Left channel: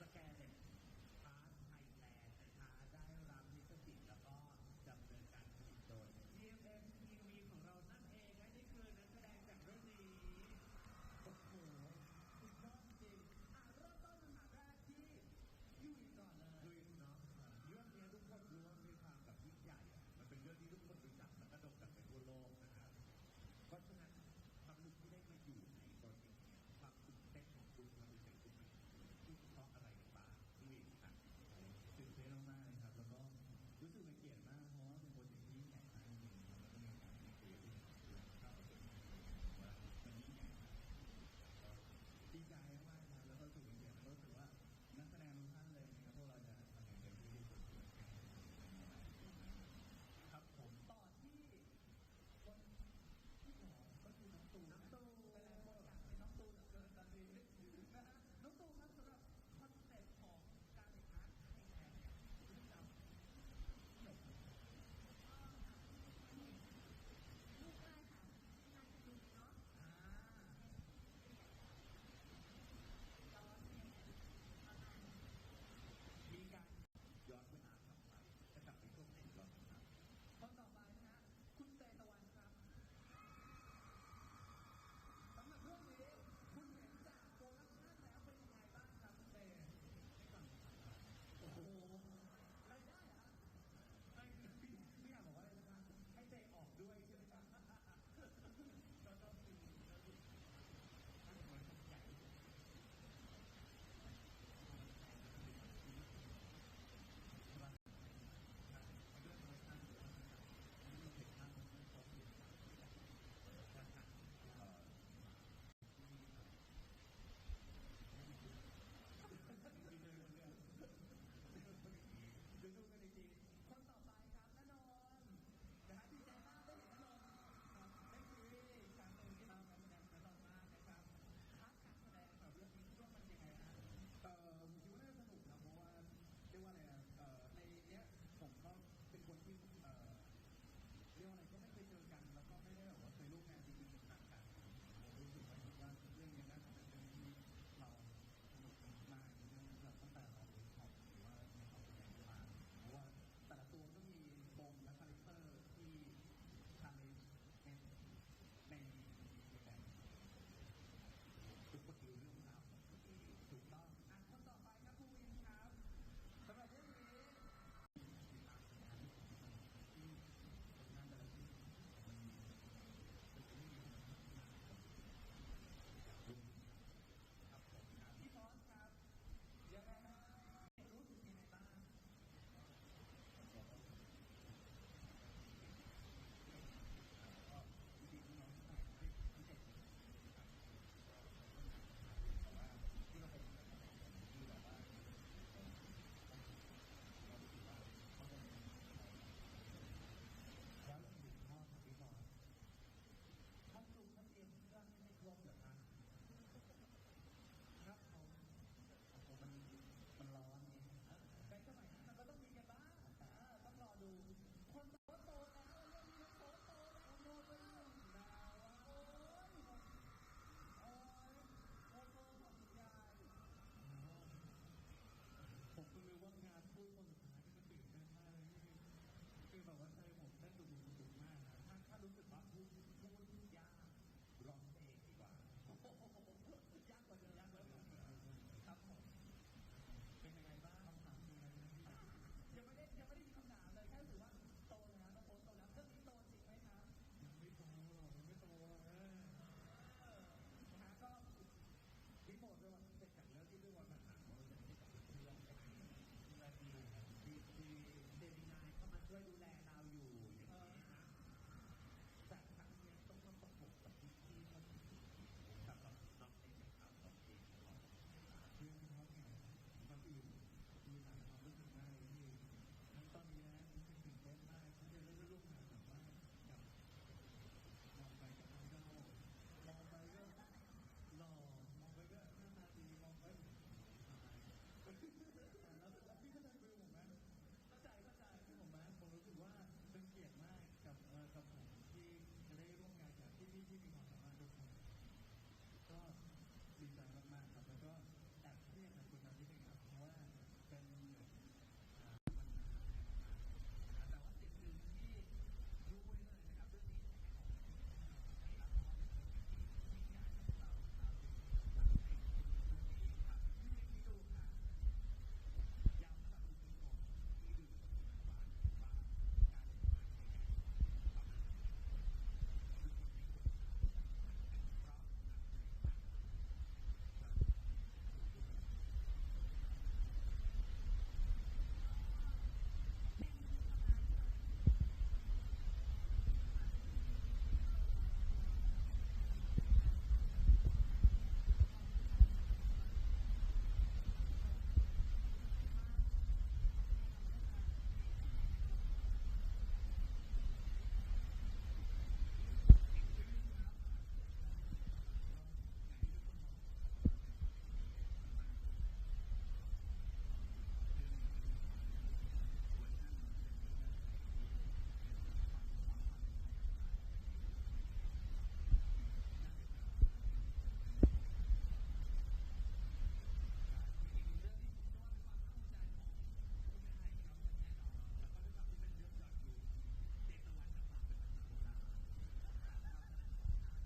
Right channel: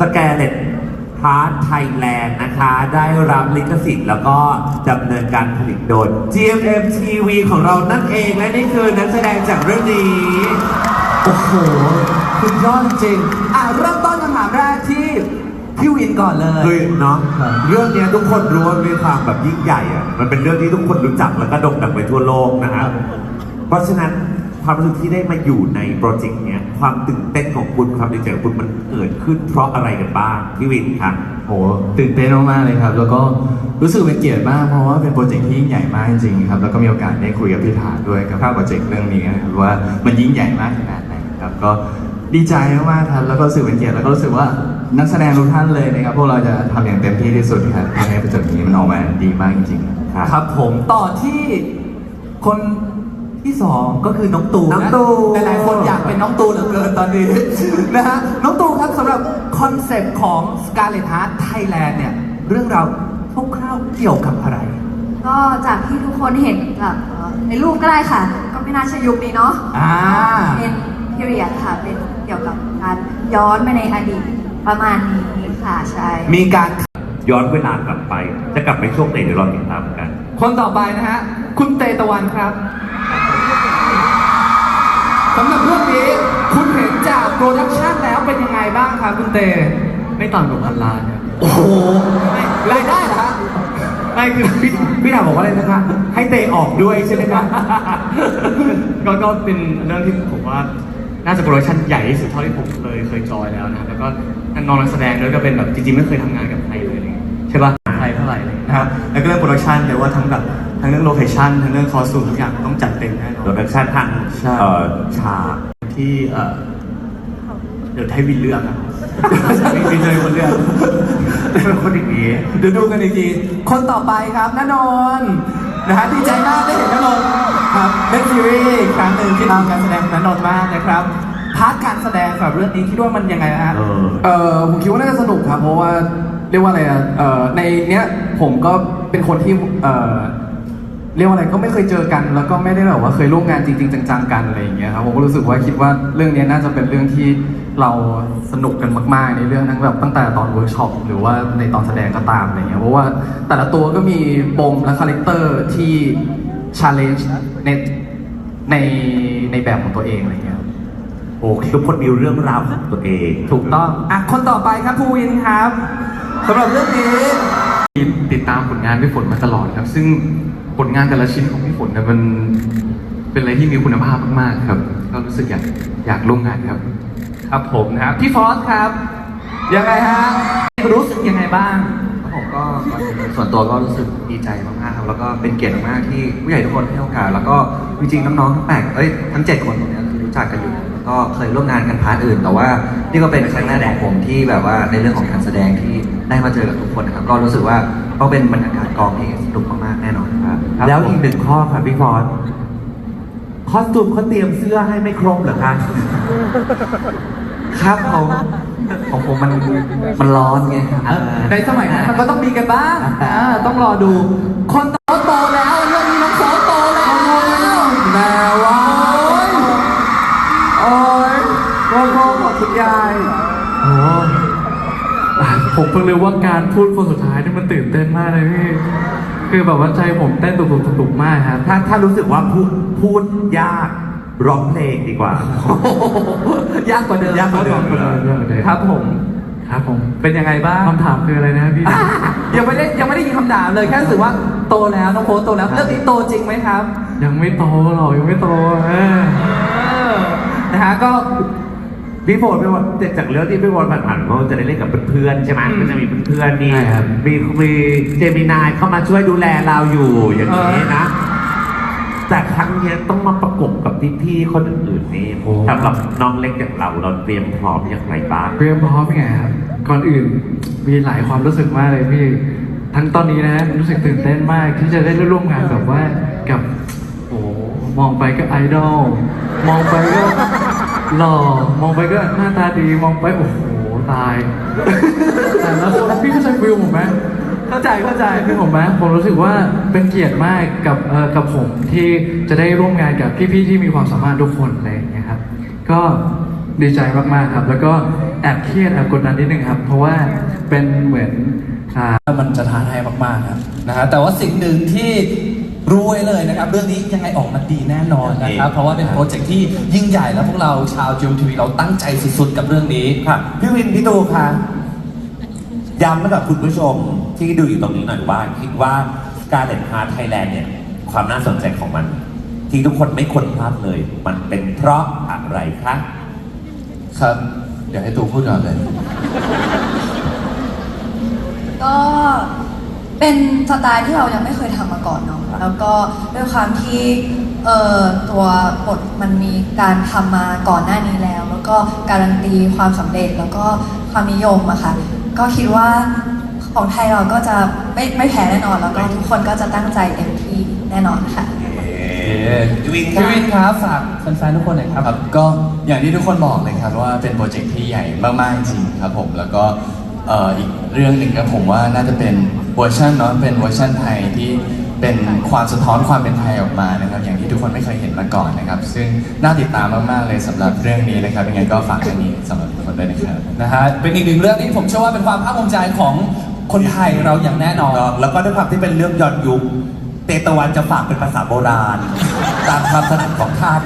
สแกเลตพาร์ทไทยแลนด์นะคะ ได้รับลิขสิทธิ์แล้วก็ดำเนินการผลิตโดย GMM TV ของเรานั่นเองและนี่คือนักแสดงจากเรื่องนี้ โอ้โหคุณยอดจริงๆอะ เริ่มต้นคำถามแรกที่พี่วินก่อนเลย คือเนาะครับ เรื่องเนี้ยทุกคนรู้ว่ามีความแบบยิ่งใหญ่อะมันเป็นเรื่องที่ทุกคนรู้จักแล้วก็โด่งดังไปทั่วโลกนะครับ เพราะฉะนั้นความรู้สึกที่ได้มาอยู่ในโปรเจกต์เนี้ย ความตื่นเต้นของคุณความดีใจของคุณมันเกิดขึ้นเพราะอะไรกันบ้างพี่วินครับ โหตื่นเต้นมากๆเลยครับ แล้วก็รู้สึกเป็นเกียรติมากเพราะว่าเป็นโปรเจกต์ที่ยิ่งใหญ่มากจริงๆครับ แล้วก็มีโอกาสได้คุยกับพี่ถาด้วยกับโปรเจกต์เรื่องนี้นะครับว่ามันยิ่งใหญ่มากขนาดไหนครับก็ดีใจมากๆครับแล้วก็รู้สึกเป็นเกียรติแล้วก็รู้สึกว่านักแสดงทุกท่านเลยนะครับพวกเราจะทำอย่างเต็มที่ที่สุดครับเพื่อให้โปรเจกต์นี้มันออกมาดีมากจริงๆครับครับผมต่อที่คน ที่สองก็คือน้องตูน้องตูนะหลายๆคนอยากเป็นน้องตูเหลือเกินตอนนี้ นะฮะน้องตูครับสำหรับคอนเซปต์ของ Scarlet Heart Thailand เนี่ย เรื่องราวคร่าวๆเกี่ยวกับอะไร ก็จากที่ทุกคนเห็นแบบเอ่อในรูปก็ได้ค่ะ ก็ไม่น่าใช่ยุคนี้เนาะอ่า เป็น period ค่ะ เป็นเกี่ยวกับการย้อนไปในอดีตประมาณนี้ค่ะใช่ มีการ ย้อนเวลากลับไป จะกลับไปช่วงไหนเดี๋ยวรอติดตามกัน คนต่อไปนะฮะ คุณเตตะวันครับ โปรดักชันแล้วเป็นยังไงบ้างครับคุณเตไม่ต่ำกว่าพันล้านครับโอ้โหรายได้เหรอฮะไม่คือพี่พี่ถามบอกว่าอะไรนะคะ ให้เตะออกด้วยใช่ไหมครับก็ก็เป็นเรื่องที่ผมว่าน่าจะโปรดักชั่นใหญ่ที่สุดเท่าที่ผมเคยเคยจอยแล้วนะครับแล้วก็น้องนักแสดงด้วยก็เป็นแบบจริงๆไม่เคยทำงานกับใครเลยอะไรเงี้ยใช่ป่ะใครเท่าไหร่เลยนะครับแล้วก็เรื่องโปรดักชันเดี๋ยวว่าทั้งแบบทั้งเรื่องโลเคชั่นทั้งเรื่องคอสตูมทุกอย่างต้องจัดเต็มแน่นอโปรนดักชันทางใช่เอ่อฉากที่เอ่อเดี๋ยวให้วินเลือกอะวินเลยคนเลือกเป็นคนอย่างนี้เดี๋ยวดูกันอีกทีคนต่อไปครับณนนท์นะฮะดีใจมากได้เห็นณนนท์ครับเล่นซีรีส์อีกครั้งหนึ่งที่ตามการแสดงของณนนท์มากนะครับพาร์ทการแสดงสำหรับเรื่องนี้คิดว่ามันยังไงฮะเออเออผมคิดว่าน่าจะสนุกครับเพราะว่าเรียกว่าอะไรอะเออในเนี้ยผมก็เป็นคนที่ เออเรียกว่าอะไรก็ไม่เคยเจอกัน แล้วก็ไม่ได้แบบว่าเคยร่วมงานจริงๆจังๆกันอะไรอย่างเงี้ยครับผมก็รู้สึกว่าคิดว่าเรื่องเนี้ยน่าจะเป็นเรื่องที่เราสนุกกันมาก ๆ ในเรื่องทั้งแบบตั้งแต่ตอนเวิร์กช็อปหรือว่าในตอนแสดงก็ตามอะไรเงี้ยเพราะว่าแต่ละตัวก็มีปมและคาแรคเตอร์ที่ชาเลนจ์ในในในแบบของตัวเองอะไรเงี้ยครับโอเคทุกคนมีเรื่องราวของตัวเอง ถูกต้องอะคนต่อไปครับภูวินครับสำหรับเรื่องนี้ติดตามผลงานพี่ฝนมาตลอดครับ ซึ่ง ผลงานแต่ละชิ้นของพี่ฝนเนี่ยมันเป็นอะไรที่มีคุณภาพมากๆครับ ก็รู้สึกอยากอยากร่วมงานครับ ครับผมนะครับพี่ฟอสครับ ยังไงฮะรู้สึกยังไงบ้าง ผมก็ก่อนอื่นส่วนตัวก็รู้สึกดีใจมากๆครับแล้วก็เป็นเกียรติมากๆที่ผู้ใหญ่ทุกคนให้โอกาสแล้วก็จริงๆน้องๆทั้งแปดเอ้ยทั้งเจ็ดคนตรงเนี้ยคือรู้จักกันอยู่แล้วก็เคยร่วมงานกันพาร์ทอื่น แต่ว่านี่ก็เป็นครั้งแรกของผมที่แบบว่าในเรื่องของการแสดงที่ได้มาเจอกับทุกคนนะครับก็รู้สึกว่าก็เป็นบรรยากาศกองที่สนุกมากๆแน่นอน ครับแล้วอีกหนึ่งข้อค่ะพี่ฟอนคอสตูมเขาเตรียมเสื้อให้ไม่ครบเหรอคะ ครับผมของผมมันมันร้อนไงครับ ในสมัยนั้นมันก็ต้องมีกันบ้างอ่าต้องรอดู คนโตโตแล้วเรื่องนี้น้องโสโตแล้วแม่ว่าโอ้ยโอ้ยพ่อขอบคุณยายโอ้ผมเพิ่งรู้ว่าการพูดคนสุดท้ายนี่มันตื่นเต้นมากเลยพี่ คือแบบว่าใจผมเต้นตุกๆตุกๆมากครับ ถ้าถ้ารู้สึกว่าพูดพูดยากร้องเพลงดีกว่า ยากกว่าเดิมยากกว่าเดิมครับผมครับผมเป็นยังไงบ้างคำถามคืออะไรนะพี่ยังไม่ได้ยังไม่ได้ยินคำถามเลยแค่รู้สึกว่าโตแล้วน้องโพสโตแล้วเรื่องนี้โตจริงไหมครับ ยังไม่โตหรอกยังไม่โตเออนะฮะก็ พี่โฟนพี่โฟนจากเรื่องที่พี่โฟนผ่านๆเขาจะได้เล่นกับเพื่อนๆใช่ไหมก็จะมีเพื่อนๆมีใช่ครับ มีมีเจมินายเข้ามาช่วยดูแลเราอยู่อย่างนี้นะ แต่ครั้งเนี้ยต้องมาประกบกับพี่ๆคนอื่นๆนี่สำหรับน้องเล็กอย่างเราเราเตรียมพร้อมอย่างไรบ้าง เตรียมพร้อมยังไงครับก่อนอื่นมีหลายความรู้สึกมากเลยพี่ ทั้งตอนนี้นะรู้สึกตื่นเต้นมากที่จะได้ร่วมงานแบบว่ากับ โอ้มองไปก็ไอดอลมองไปก็ หล่อมองไปก็หน้าตาดีมองไปโอ้โหตาย แต่แล้วคนพี่เข้าใจฟิลผมไหมเข้าใจเข้าใจคือผมไหมผมรู้สึกว่าเป็นเกียรติมากกับเอ่อกับผมที่จะได้ร่วมงานกับพี่ๆที่มีความสามารถทุกคนอะไรอย่างเงี้ยครับ ก็ดีใจมากๆครับ แล้วก็แอบเครียดแอบกดดันนิดนึงครับ เพราะว่าเป็นเหมือนอ่า มันจะท้าทายมากๆครับนะฮะแต่ว่าสิ่งหนึ่งที่ รู้ไว้เลยนะครับ เรื่องนี้ยังไงออกมาดีแน่นอนนะครับ เพราะว่าเป็นโปรเจกต์ที่ยิ่งใหญ่แล้วพวกเราชาวจิมทีวีเราตั้งใจสุดๆกับเรื่องนี้ค่ะพี่วินพี่ตูค่ะย้ำให้กับคุณผู้ชมที่ดูอยู่ตรงนี้หน่อยว่า คิดว่าการเล่นฮาร์ดไทยแลนด์เนี่ยความน่าสนใจของมัน ที่ทุกคนไม่ควรพลาดเลย มันเป็นเพราะอะไรคะครับเดี๋ยวให้ตูพูดก่อนเลย ก็เป็นสไตล์ที่เรายังไม่เคยทำมาก่อนเนาะ แล้วก็ด้วยความที่เอ่อตัวบทมันมีการทำมาก่อนหน้านี้แล้ว แล้วก็การันตีความสำเร็จแล้วก็ความนิยมอะค่ะก็คิดว่าของไทยเราก็จะไม่ไม่แพ้แน่นอน แล้วก็ทุกคนก็จะตั้งใจเต็มที่แน่นอนค่ะพี่วินพี่ค่ะวินครับฝากแฟนๆทุกคนหน่อยครับ ครับก็อย่างที่ทุกคนบอกเลยครับว่าเป็นโปรเจกต์ที่ใหญ่มากๆจริงๆครับผมแล้วก็เอ่ออีกเรื่องหนึ่งก็ผมว่าน่าจะเป็นเวอร์ชันเนาะเป็นเวอร์ชันไทยที่ เป็นความสะท้อนความเป็นไทยออกมานะครับอย่างที่ทุกคนไม่เคยเห็นมาก่อนนะครับ ซึ่งน่าติดตามมากๆเลยสำหรับเรื่องนี้นะครับยังไงก็ฝากเรื่องนี้สำหรับทุกคนด้วยนะครับนะฮะเป็นอีกหนึ่งเรื่องที่ผมเชื่อว่าเป็นความภาคภูมิใจของคนไทยเราอย่างแน่นอน แล้วก็ด้วยความที่เป็นเรื่องย้อนยุคเตตะวันจะฝากเป็นภาษาโบราณ ตามความถนัดของท่าน